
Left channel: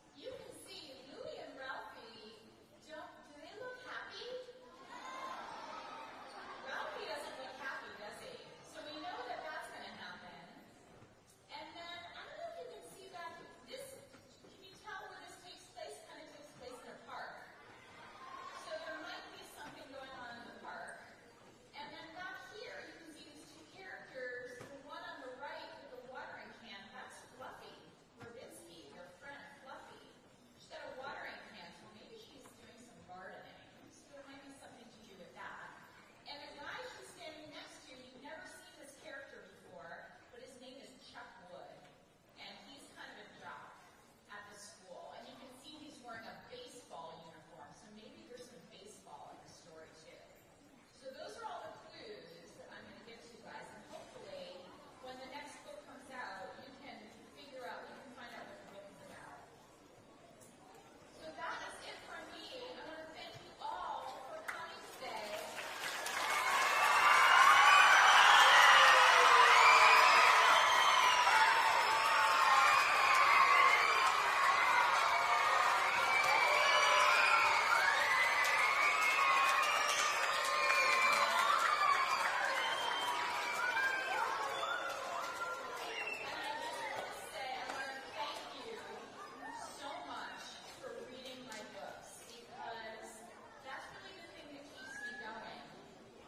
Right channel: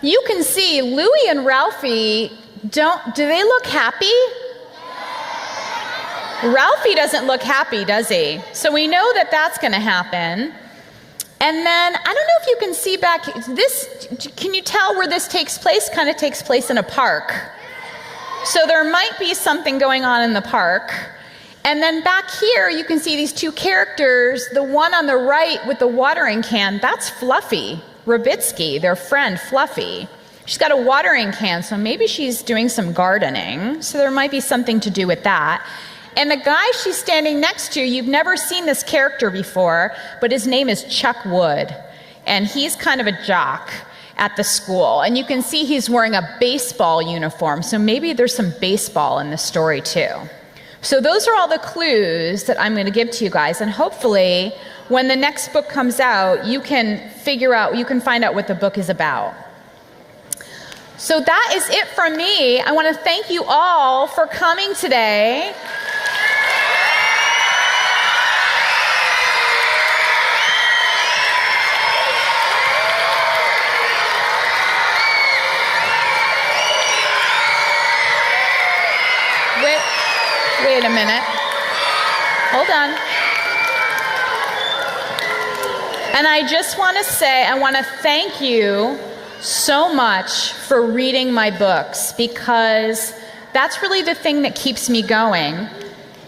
You can see Louie and Ralphie, do they look happy? Ralphie doesn't look happy, does he? So we know that that's going to happen. And then, I don't know if you can see back, can you tell where this takes place? Kind of takes place in a park. So there might be something going on in the park. And then back here, you can see these 2 characters. The one on the right with the watering can, that's Fluffy, Rabitsky, their friend Fluffy. She's got a watering can, so maybe she's doing some gardening. So there might be something to do with that. And the guy she's standing next to, you've never seen this character before, but his name is Chuck Wood. And he's kind of a jock at the school. And you can see he's wearing a baseball uniform, so maybe there's some baseball in the story too. So those are all the clues that I'm going to give to you guys, and hopefully when the next book comes out, you can find out what the book is about. So that is it from me. I want to thank you all for coming today. Wait a minute. Hold on. And I just want to say, I want to thank you so much for reading my books, because that's really the thing that keeps me going,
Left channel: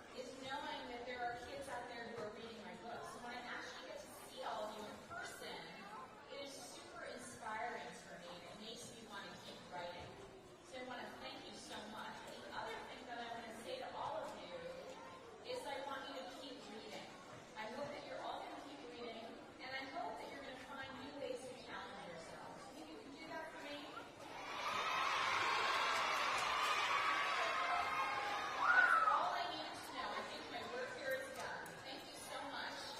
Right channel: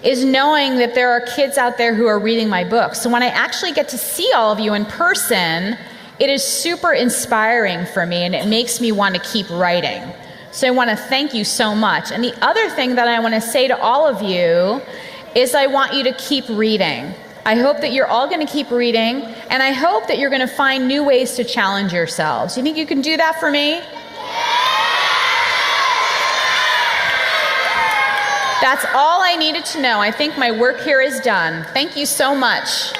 is knowing that there are kids out there who are reading my books. So when I actually get to see all of you in person, it is super inspiring for me, and it makes me want to keep writing. So I want to thank you so much. And the other thing that I want to say to all of you is I want you to keep reading. I hope that you're all going to keep reading, and I hope that you're going to find new ways to challenge yourselves. You think you can do that for me? That's all I needed to know. I think my work here is done. Thank you so much.